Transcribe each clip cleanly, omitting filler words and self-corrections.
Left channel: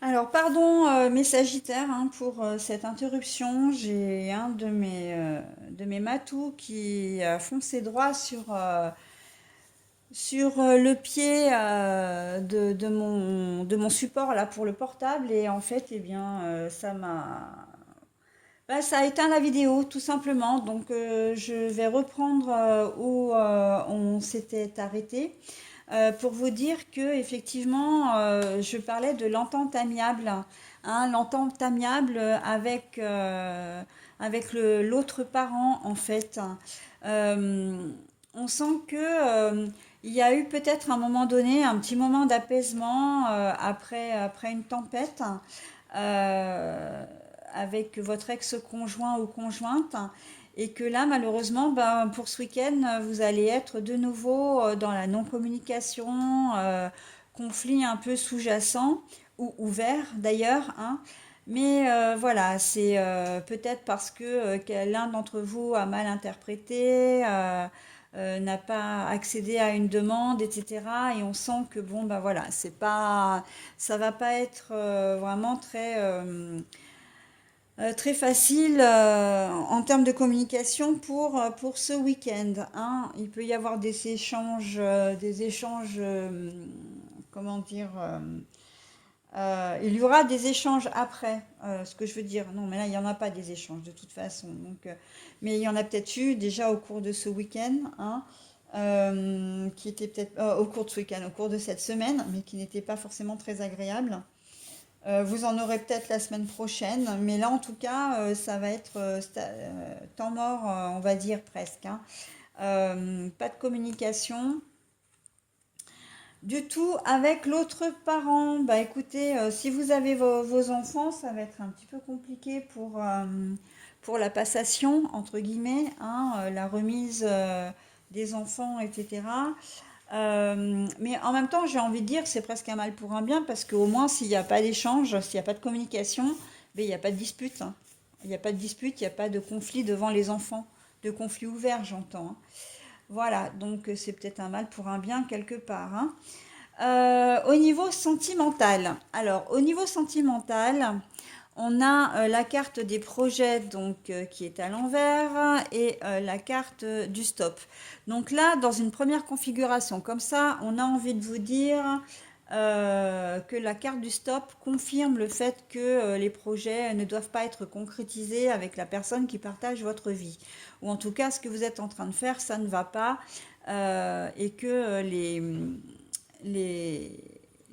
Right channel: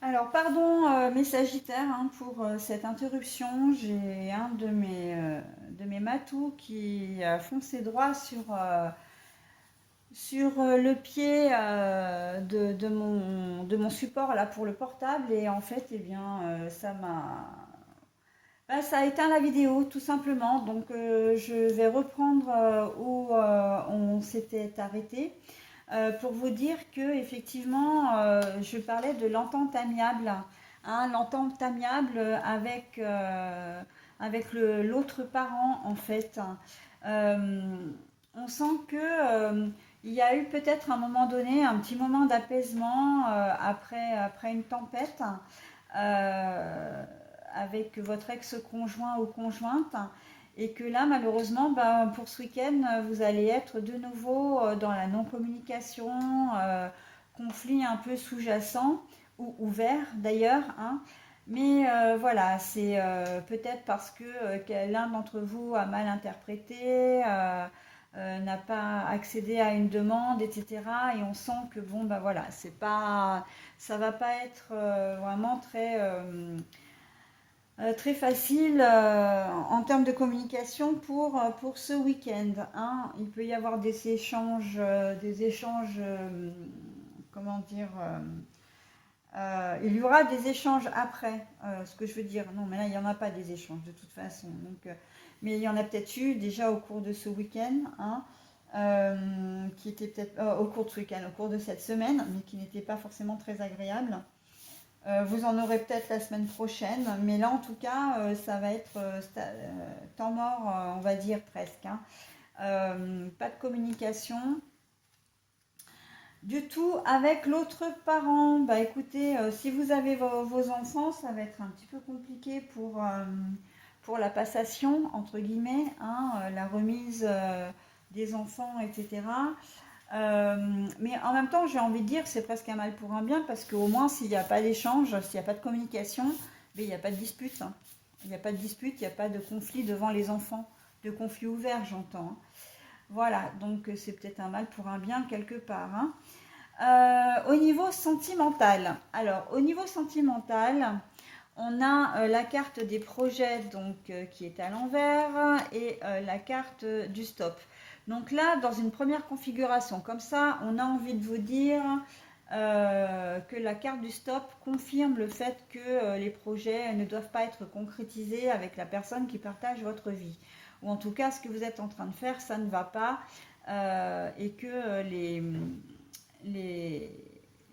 Alors, pardon, mes Sagittaires, hein, pour cette interruption. J'ai un de mes matous qui a foncé droit sur le pied de mon support là pour le portable. Et en fait, eh bien, ça a éteint la vidéo, tout simplement. Donc, je vais reprendre où on s'était arrêté. Pour vous dire que effectivement, je parlais de l'entente amiable, hein, l'entente amiable avec l'autre parent en fait. Euh, on sent que il y a eu peut-être à un moment donné un petit moment d'apaisement après une tempête euh, avec votre ex-conjoint ou conjointe. Et que là, malheureusement, ben, pour ce week-end, vous allez être de nouveau dans la non-communication, conflit un peu sous-jacent ou ouvert d'ailleurs, hein. Mais voilà, c'est peut-être parce que l'un d'entre vous a mal interprété, n'a pas accédé à une demande, etc. Et on sent que bon, ben voilà, c'est pas, ça va pas être vraiment très facile en termes de communication pour ce week-end, hein. Il peut y avoir des échanges comment dire, il y aura des échanges après, ce que je veux dire. Non, mais là, il n'y en a pas des échanges de toute façon. Donc, mais il y en a peut-être eu déjà au cours de ce week-end, hein, qui était peut-être au cours de ce week-end, au cours de cette semaine, mais qui n'était pas forcément très agréable. Vous en aurez peut-être la semaine prochaine, mais là en tout cas, ça va être temps mort, on va dire presque, hein. Pas de communication du tout avec l'autre parent. Bah écoutez, si vous avez vos enfants, ça va être un petit peu compliqué pour la passation, entre guillemets, hein, la remise des enfants, etc. Mais en même temps, j'ai envie de dire, c'est presque un mal pour un bien, parce qu'au moins, s'il n'y a pas d'échange, s'il n'y a pas de communication, ben, il n'y a pas de dispute, hein. Il n'y a pas de dispute, il n'y a pas de conflit devant les enfants, de conflit ouvert, j'entends, hein. Voilà, donc c'est peut-être un mal pour un bien quelque part, hein. Au niveau sentimental, alors au niveau sentimental, on a la carte des projets donc qui est à l'envers et la carte du stop. Donc là, dans une première configuration comme ça, on a envie de vous dire que la carte du stop confirme le fait que les projets ne doivent pas être concrétisés avec la personne qui partage votre vie. Ou en tout cas, ce que vous êtes en train de faire, ça ne va pas et que les,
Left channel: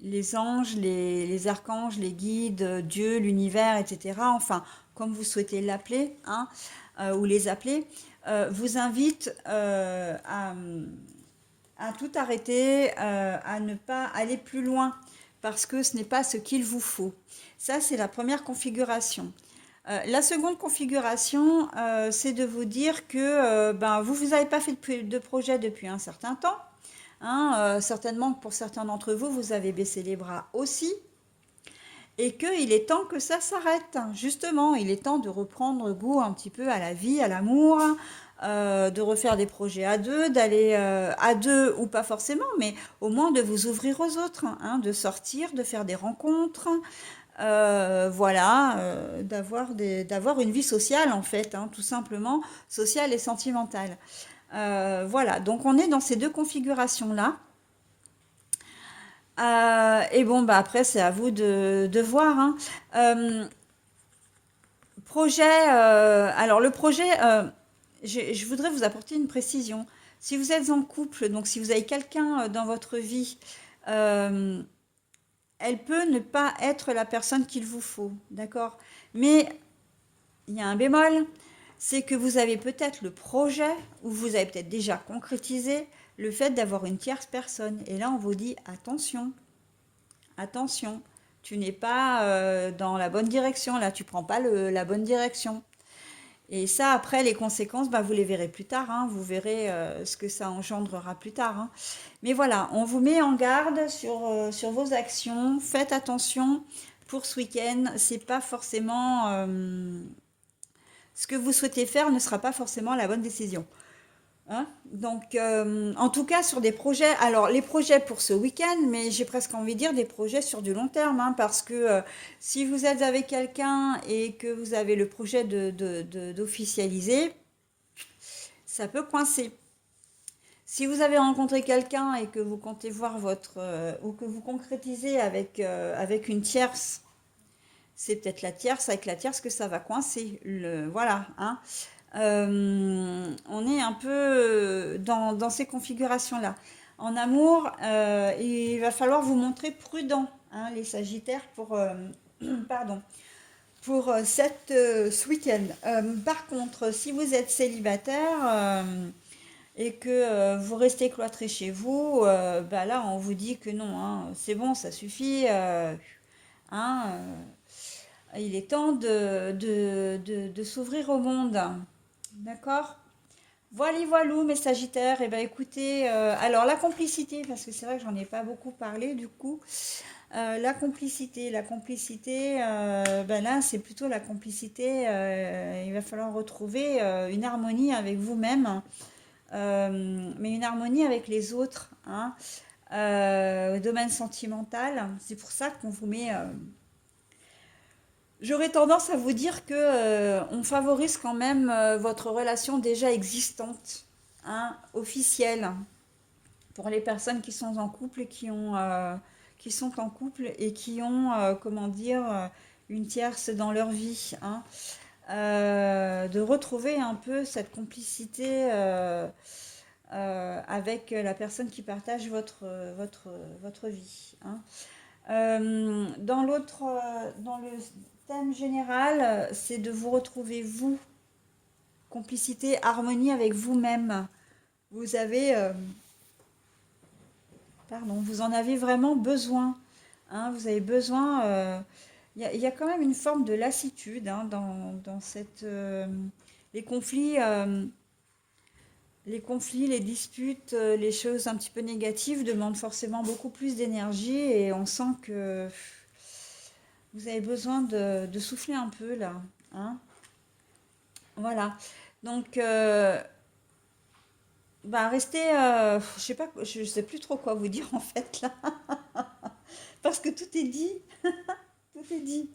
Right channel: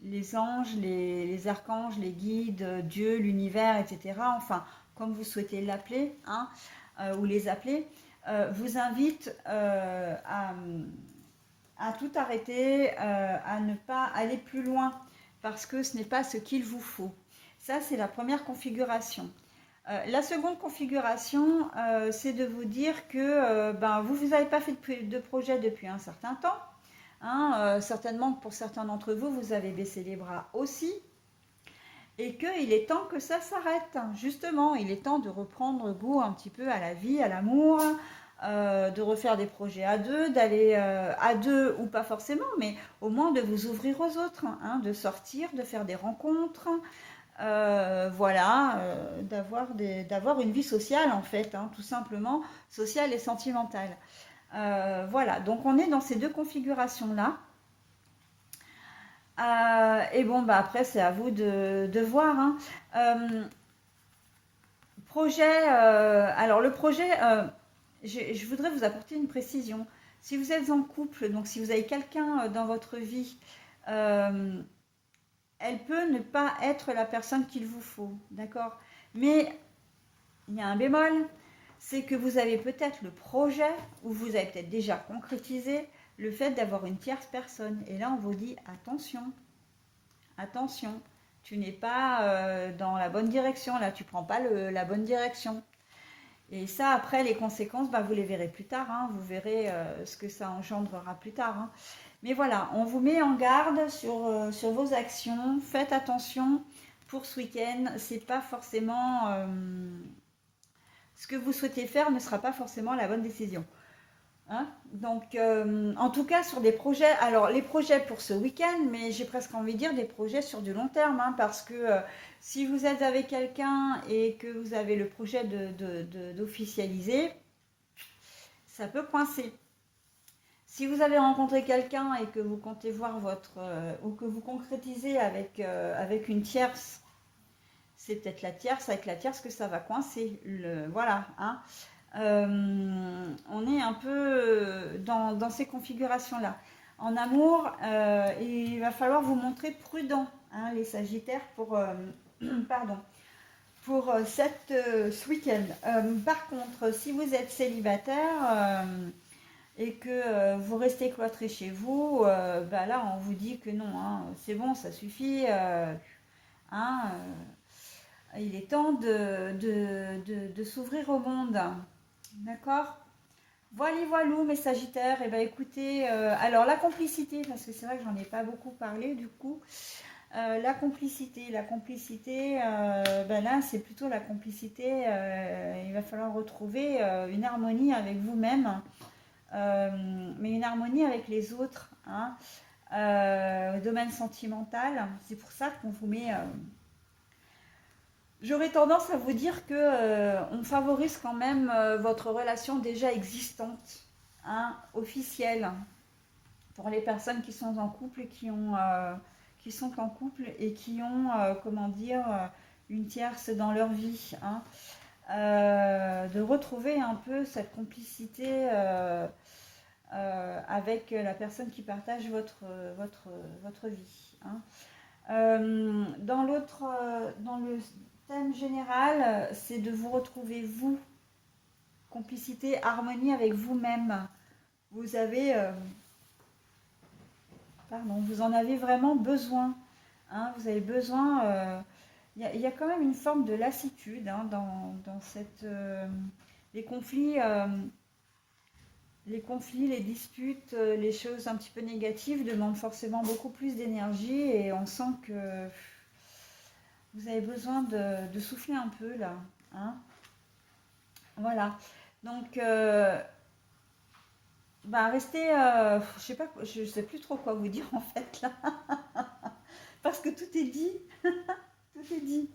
les anges, les archanges, les guides, Dieu, l'univers, etc., enfin, comme vous souhaitez l'appeler, hein, ou les appeler, vous invitent à tout arrêter, à ne pas aller plus loin, parce que ce n'est pas ce qu'il vous faut. Ça, c'est la première configuration. La seconde configuration, c'est de vous dire que ben, vous n'avez pas fait de projet depuis un certain temps, hein, certainement que pour certains d'entre vous, vous avez baissé les bras aussi, et qu'il est temps que ça s'arrête. Justement, il est temps de reprendre goût un petit peu à la vie, à l'amour, de refaire des projets à deux, d'aller à deux ou pas forcément, mais au moins de vous ouvrir aux autres, hein, de sortir, de faire des rencontres, voilà, d'avoir une vie sociale en fait, hein, tout simplement, sociale et sentimentale. Voilà, donc on est dans ces deux configurations-là. Et bon, bah après, c'est à vous de voir, hein. Euh, Projet, alors le projet, je voudrais vous apporter une précision. Si vous êtes en couple, donc si vous avez quelqu'un dans votre vie, euh, elle peut ne pas être la personne qu'il vous faut, d'accord? Mais il y a un bémol, c'est que vous avez peut-être le projet, ou vous avez peut-être déjà concrétisé le fait d'avoir une tierce personne. Et là, on vous dit attention, attention, tu n'es pas dans la bonne direction, là, tu prends pas la bonne direction. Et ça, après, les conséquences, bah, vous les verrez plus tard, hein. Vous verrez ce que ça engendrera plus tard, hein. Mais voilà, on vous met en garde sur vos actions. Faites attention pour ce week-end. C'est pas forcément ce que vous souhaitez faire ne sera pas forcément la bonne décision. Hein. Donc, en tout cas, sur des projets, alors les projets pour ce week-end, mais j'ai presque envie de dire des projets sur du long terme, hein, parce que si vous êtes avec quelqu'un et que vous avez le projet d'officialiser, ça peut coincer. Si vous avez rencontré quelqu'un et que vous comptez voir ou que vous concrétisez avec une tierce, c'est peut-être la tierce, avec la tierce que ça va coincer. Voilà, hein. On est un peu dans ces configurations-là. En amour, il va falloir vous montrer prudent, hein, les Sagittaires, pardon, ce week-end. Par contre, si vous êtes célibataire et que vous restez cloîtré chez vous, bah là, on vous dit que non, hein, c'est bon, ça suffit. Hein, il est temps de s'ouvrir au monde. D'accord? Voilà, voilou, mes Sagittaires. Et ben écoutez, alors la complicité, parce que c'est vrai que j'en ai pas beaucoup parlé du coup. La complicité, ben là c'est plutôt la complicité. Il va falloir retrouver une harmonie avec vous-même, mais une harmonie avec les autres, hein, au domaine sentimental. C'est pour ça qu'on vous met. J'aurais tendance à vous dire que on favorise quand même votre relation déjà existante, hein, officielle, pour les personnes qui sont en couple et qui sont en couple et qui ont, comment dire, une tierce dans leur vie, hein. De retrouver un peu cette complicité avec la personne qui partage votre vie, hein. Dans le thème général, c'est de vous retrouver vous, complicité, harmonie avec vous-même. Vous avez, pardon, vous en avez vraiment besoin, hein, vous avez besoin. Il y a quand même une forme de lassitude, hein, dans les conflits, les disputes, les choses un petit peu négatives demandent forcément beaucoup plus d'énergie et on sent que vous avez besoin de souffler un peu là, hein. Voilà. Donc, bah, restez. Je sais plus trop quoi vous dire en fait là, parce que tout est dit, tout est dit.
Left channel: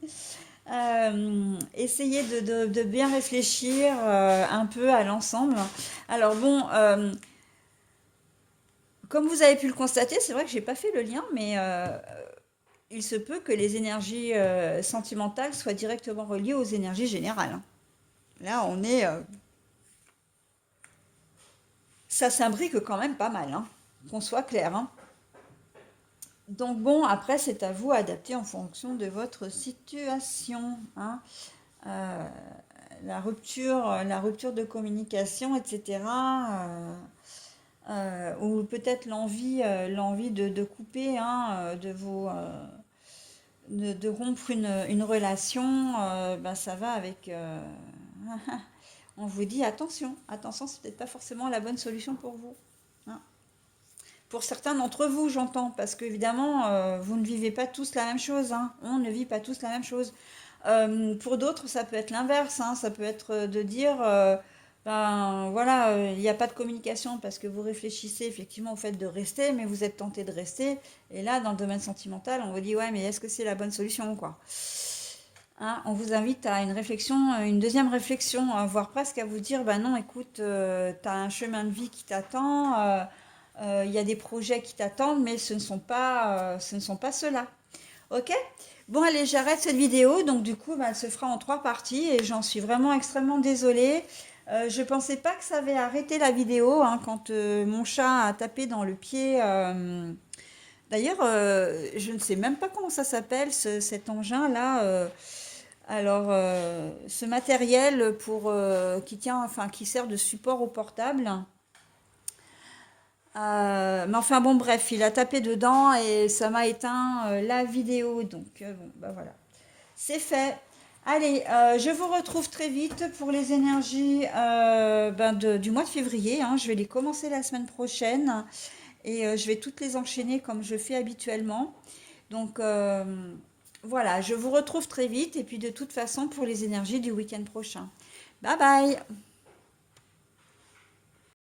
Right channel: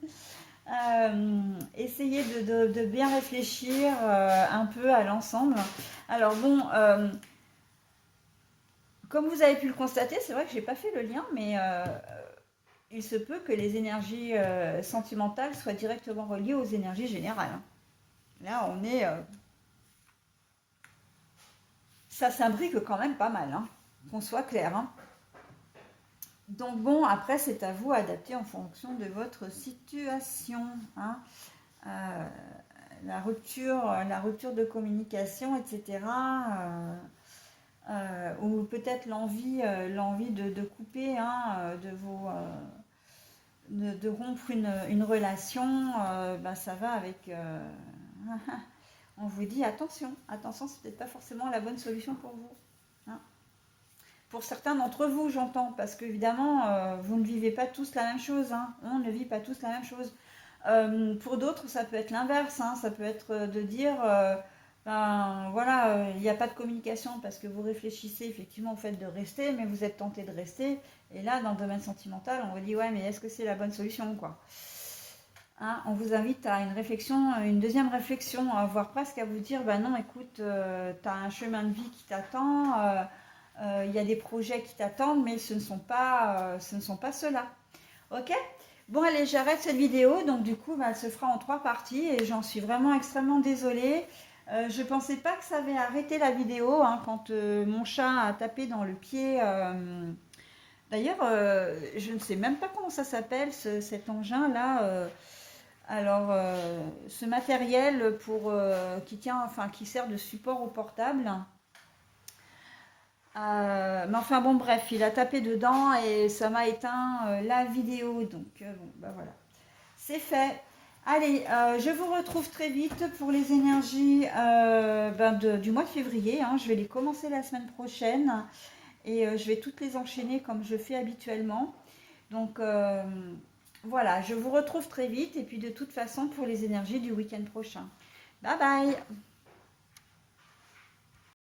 Essayez de bien réfléchir un peu à l'ensemble. Alors bon, comme vous avez pu le constater, c'est vrai que j'ai pas fait le lien, mais il se peut que les énergies sentimentales soient directement reliées aux énergies générales, hein. Là, ça s'imbrique quand même pas mal, hein, qu'on soit clair, hein. Donc bon, après, c'est à vous d'adapter en fonction de votre situation, hein. Euh, la rupture de communication, etc. Ou peut-être l'envie de couper, hein, de rompre une relation, ben ça va avec. On vous dit attention, attention, c'est peut-être pas forcément la bonne solution pour vous, hein. Pour certains d'entre vous, j'entends, parce qu'évidemment, vous ne vivez pas tous la même chose, hein. On ne vit pas tous la même chose. Pour d'autres, ça peut être l'inverse, hein. Ça peut être de dire, ben voilà, il n'y a pas de communication parce que vous réfléchissez effectivement au fait de rester, mais vous êtes tenté de rester. Et là, dans le domaine sentimental, on vous dit, ouais, mais est-ce que c'est la bonne solution, quoi? Hein, on vous invite à une réflexion, une deuxième réflexion, voire presque à vous dire, bah non, écoute, tu as un chemin de vie qui t'attend, il y a des projets qui t'attendent, mais ce ne sont pas ceux-là. Ok? Bon, allez, j'arrête cette vidéo. Donc, du coup, bah, elle se fera en 3 parties et j'en suis vraiment extrêmement désolée. Je pensais pas que ça avait arrêté la vidéo, hein, quand mon chat a tapé dans le pied. D'ailleurs, je ne sais même pas comment ça s'appelle, cet engin-là. Alors, ce matériel qui tient, enfin, qui sert de support au portable. Mais enfin bon, bref, il a tapé dedans et ça m'a éteint la vidéo. Donc, bon, bah voilà, c'est fait. Allez, je vous retrouve très vite pour les énergies ben du mois de février, hein. Je vais les commencer la semaine prochaine et je vais toutes les enchaîner comme je fais habituellement. Donc, voilà, je vous retrouve très vite et puis de toute façon pour les énergies du week-end prochain. Bye bye!